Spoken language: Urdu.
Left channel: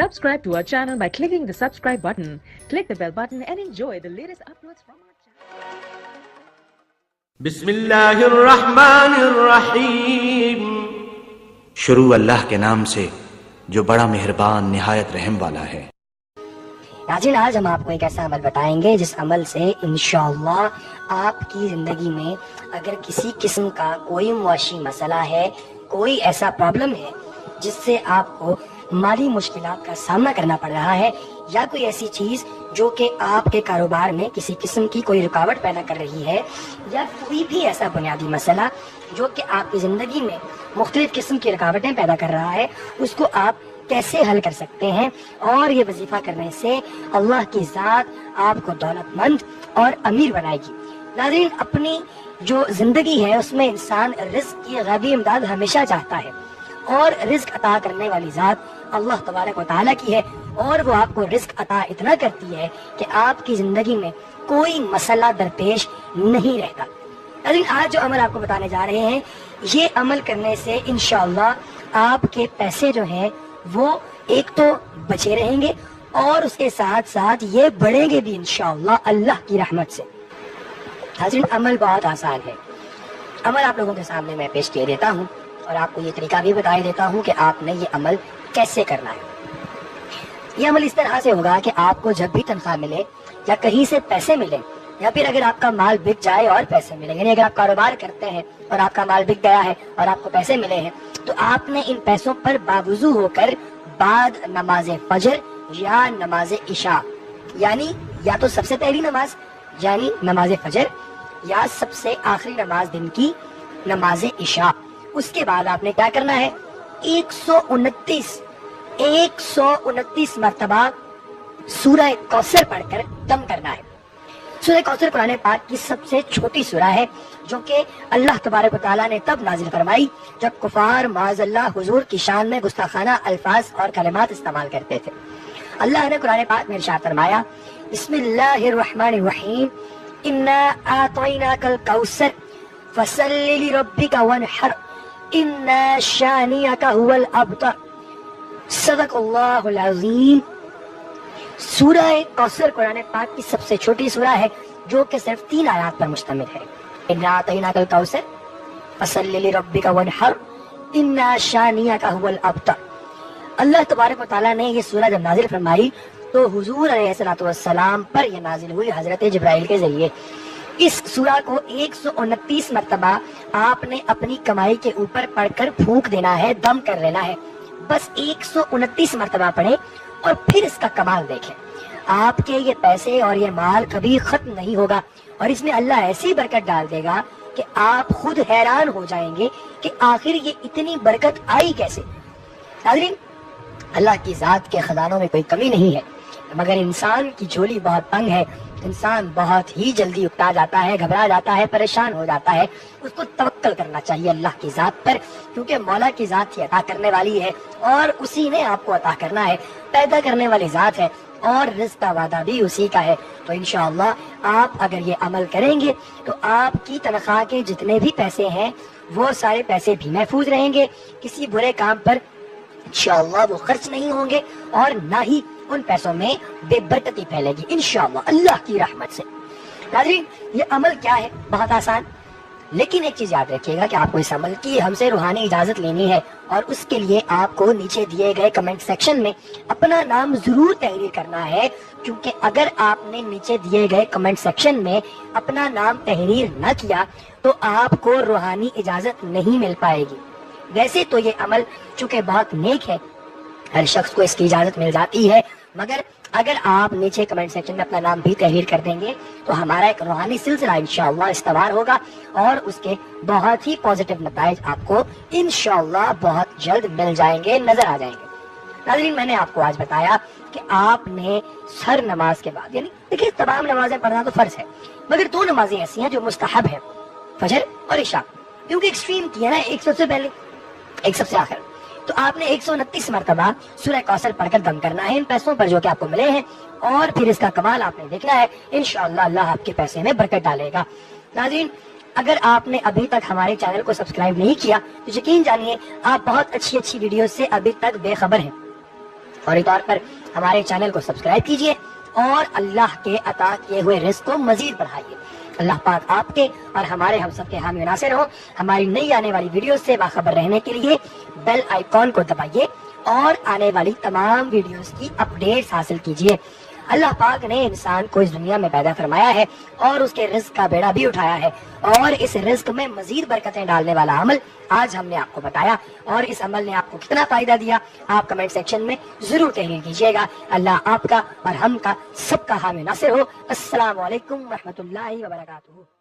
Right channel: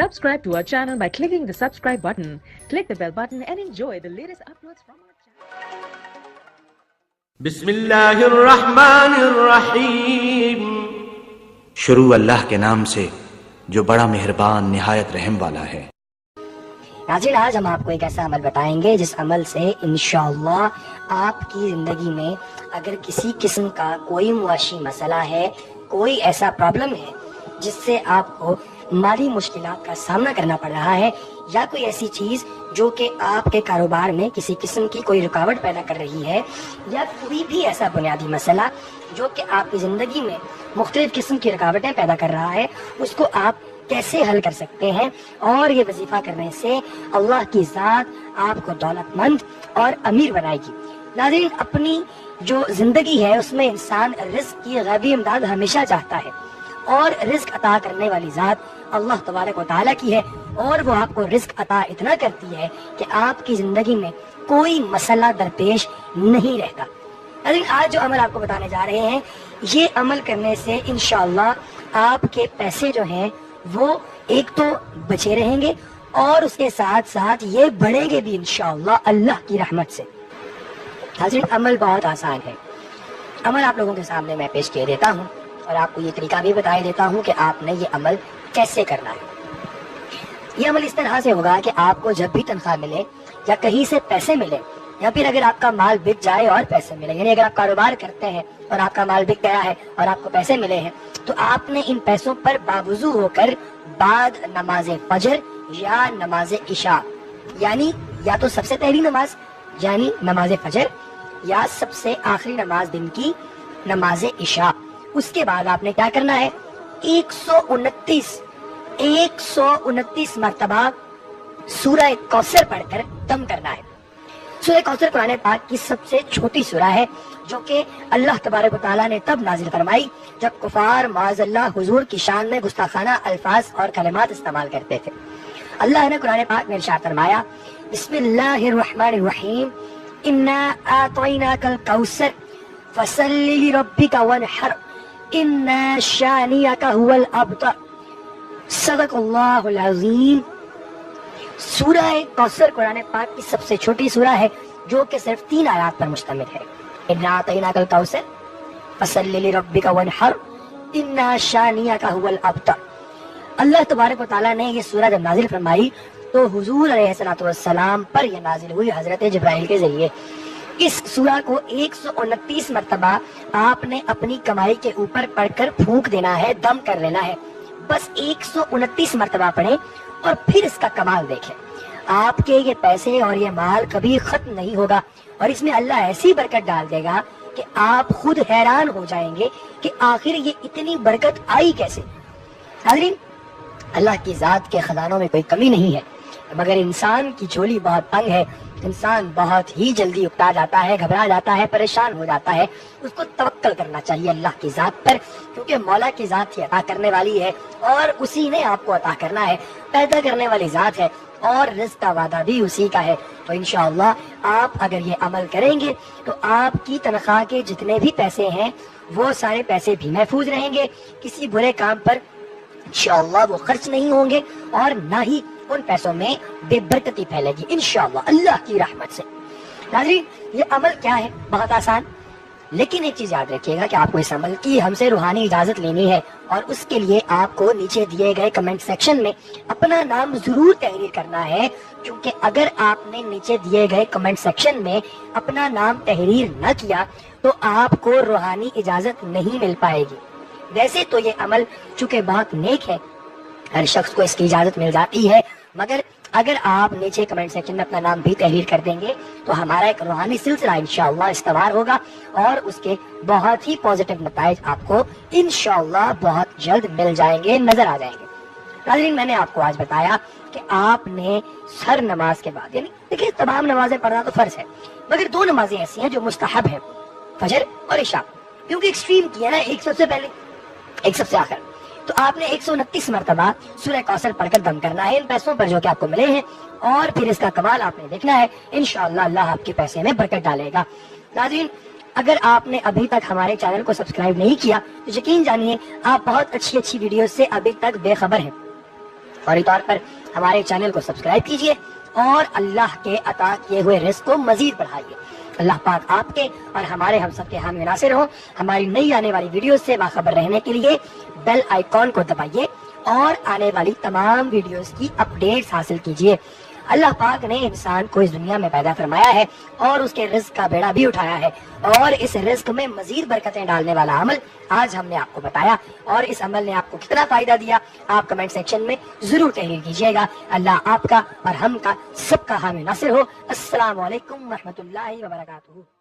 Subscribe to our channel by clicking the subscribe button. Click the bell button and enjoy the latest uploads from our channel. بسم اللہ الرحمن الرحیم. شروع اللہ کے نام سے جو بڑا مہربان نہایت رحم والا ہے. ناظرین، آج ہم آپ کو ایک ایسا عمل بتائیں گے جس عمل سے انشاءاللہ آپ کی زندگی میں اگر کسی قسم کا کوئی معاشی مسئلہ ہے، کوئی ایسا پرابلم ہے جس سے آپ کو مالی مشکلات کا سامنا کرنا پڑ رہا ہے، یا کوئی ایسی چیز جو کہ آپ کے کاروبار میں کسی قسم کی کوئی رکاوٹ پیدا کر رہی ہے، یا کوئی بھی ایسا بنیادی مسئلہ جو کہ آپ کی زندگی میں مختلف قسم کی رکاوٹیں پیدا کر رہا ہے، اس کو آپ کیسے حل کر سکتے ہیں. اور یہ وظیفہ کرنے سے اللہ کی ذات آپ کو دولت مند اور امیر بنائے گی. ناظرین، اپنی جو زندگی ہے اس میں انسان رزق کی غیبی امداد ہمیشہ چاہتا ہے، اور رزق عطا کرنے والی ذات اللہ تبارک و تعالیٰ کی ہے، اور وہ آپ کو رزق عطا اتنا کرتی ہے کہ آپ کی زندگی میں کوئی مسئلہ درپیش نہیں رہتا. ناظرین، آج جو عمل آپ کو بتانے جا رہے ہیں، یہ عمل کرنے سے انشاءاللہ آپ کے پیسے جو ہیں وہ ایک تو بچے رہیں گے، اور اس کے ساتھ ساتھ یہ بڑھیں گے بھی انشاءاللہ اللہ کی رحمت سے. ناظرین، عمل بہت آسان ہے. عمل آپ لوگوں کے سامنے میں پیش کیے دیتا ہوں، اور آپ کو یہ طریقہ بھی بتایا دیتا ہوں کہ آپ نے یہ عمل کیسے کرنا ہے. یہ عمل اس طرح سے ہوگا کہ آپ کو جب بھی تنخواہ ملے، یا کہیں سے پیسے ملے، یا پھر اگر آپ کا مال بک جائے اور پیسے ملے، یعنی اگر آپ کاروبار کرتے ہیں اور آپ کا مال بک گیا ہے اور آپ کو پیسے ملے ہیں، تو آپ نے ان پیسوں پر باوضو ہو کر بعد نماز فجر یا نماز عشاء، یعنی یا تو سب سے پہلی نماز یعنی نماز فجر، یا سب سے آخری نماز دن کی نماز عشاء، اس کے بعد آپ نے کیا کرنا ہے؟ 129 مرتبہ سورہ کوثر پڑھ کر دم کرنا ہے. سورہ کوثر قرآن پاک کی سب سے چھوٹی سورہ ہے، جو کہ اللہ تبارک و تعالیٰ نے تب نازل فرمائی جب کفار معاذ اللہ حضور کی شان میں گستاخانہ الفاظ اور کلمات استعمال کرتے تھے. اللہ نے قرآن پاک میں ارشاد فرمایا، بسم اللہ الرحمن الرحیم، انا اعطیناک الکوثر فصل لربک وانحر ان شانئک هو الابتر. صدق اللہ العظیم. سورہ کوثر قرآن پاک کی سب سے چھوٹی سورہ ہے، جو کہ صرف 3 آیات پر مشتمل ہے. انا اعطیناک الکوثر فصل لربک وانحر ان شانئک هو الابتر. اللہ تبارک و تعالیٰ نے یہ سورہ جب نازل فرمائی تو حضور علیہ الصلوۃ والسلام پر یہ نازل ہوئی حضرت جبرائیل کے ذریعے. اس سورہ کو 129 مرتبہ آپ نے اپنی کمائی کے اوپر پڑھ کر پھونک دینا ہے، دم کر لینا ہے. بس 129 مرتبہ پڑھیں اور پھر اس کا کمال دیکھیں. آپ کے یہ پیسے اور یہ مال کبھی ختم نہیں ہوگا، اور اس میں اللہ ایسی برکت ڈال دے گا کہ آپ خود حیران ہو جائیں گے کہ آخر یہ اتنی برکت آئی کیسے. ناظرین، اللہ کی ذات کے خزانوں میں کوئی کمی نہیں ہے، مگر انسان کی جھولی بہت تنگ ہے. انسان بہت ہی جلدی اکتا جاتا ہے، گھبرا جاتا ہے، پریشان ہو جاتا ہے. اس کو توکل کرنا چاہیے اللہ کی ذات پر، کیونکہ مولا کی ذات ہی عطا کرنے والی ہے، اور اسی نے آپ کو عطا کرنا ہے. پیدا کرنے والی ذات ہے، اور رزق کا وعدہ بھی اسی کا ہے. تو انشاءاللہ آپ اگر یہ عمل کریں گے تو آپ کی تنخواہ کے جتنے بھی پیسے ہیں وہ سارے پیسے بھی محفوظ رہیں گے. کسی برے کام پر انشاءاللہ وہ خرچ نہیں ہوں گے، اور نہ ہی ان پیسوں میں بے برکتی پھیلے گی انشاءاللہ اللہ کی رحمت سے. ناظرین، یہ عمل کیا ہے؟ بہت آسان، لیکن ایک چیز یاد رکھیے گا کہ آپ کو اس عمل کی ہم سے روحانی اجازت لینی ہے، اور اس کے لیے آپ کو نیچے دیے گئے کمنٹ سیکشن میں اپنا نام ضرور تحریر کرنا ہے. کیونکہ اگر آپ نے نیچے دیے گئے کمنٹ سیکشن میں اپنا نام تحریر نہ کیا تو آپ کو روحانی اجازت نہیں مل پائے گی. ویسے تو یہ عمل چونکہ بہت نیک ہے، ہر شخص کو اس کی اجازت مل جاتی ہے، مگر اگر آپ نیچے کمنٹ سیکشن میں اپنا نام بھی تحریر کر دیں گے تو ہمارا ایک روحانی سلسلہ انشاءاللہ استوار ہوگا، اور اس کے بہت ہی پازیٹیو نتائج آپ کو انشاءاللہ بہت جلد مل جائیں گے، نظر آ جائیں گے. ناظرین، میں نے آپ کو آج بتایا کہ آپ نے ہر نماز کے بعد، یعنی دیکھیے تمام نمازیں پڑھنا تو فرض ہے، مگر 2 نمازیں ایسی ہیں جو مستحب ہیں، فجر اور عشاء. کیونکہ ایکسٹریم کی ہے نا، ایک سب سے پہلے ایک سب سے آخر. تو آپ نے 129 مرتبہ سورہ کوثر پڑھ کر دم کرنا ہے ان پیسوں پر جو کہ آپ کو ملے ہیں، اور پھر اس کا کمال آپ نے دیکھنا ہے. انشاءاللہ اللہ آپ کے پیسے میں برکت ڈالے گا. ناظرین، اگر آپ نے ابھی تک ہمارے چینل کو سبسکرائب نہیں کیا تو یقین جانیے آپ بہت اچھی ویڈیوز سے ابھی تک بے خبر ہیں. فوری طور پر ہمارے چینل کو سبسکرائب کیجیے اور اللہ کے عطا کیے ہوئے رزق کو مزید بڑھائیے۔ اللہ پاک آپ کے اور ہمارے ہم سب کے حامی ناصر ہوں۔ ہماری نئی آنے والی ویڈیوز سے باخبر رہنے کے لیے بیل آئیکن کو دبائیے اور آنے والی تمام ویڈیوز کی اپڈیٹس حاصل کیجیے۔ اللہ پاک نے انسان کو اس دنیا میں پیدا فرمایا ہے اور اس کے رزق کا بیڑا بھی اٹھایا ہے، اور اس رزق میں مزید برکتیں ڈالنے والا عمل آج ہم نے آپ کو بتایا، اور اس عمل نے آپ کو کتنا فائدہ دیا آپ کمنٹ سیکشن میں ضرور تحریر کیجیے گا۔ اللہ آپ کا اور ہم کا سب کا حامی ناصر ہو۔ السلام علیکم ورحمۃ اللہ وبرکاتہ۔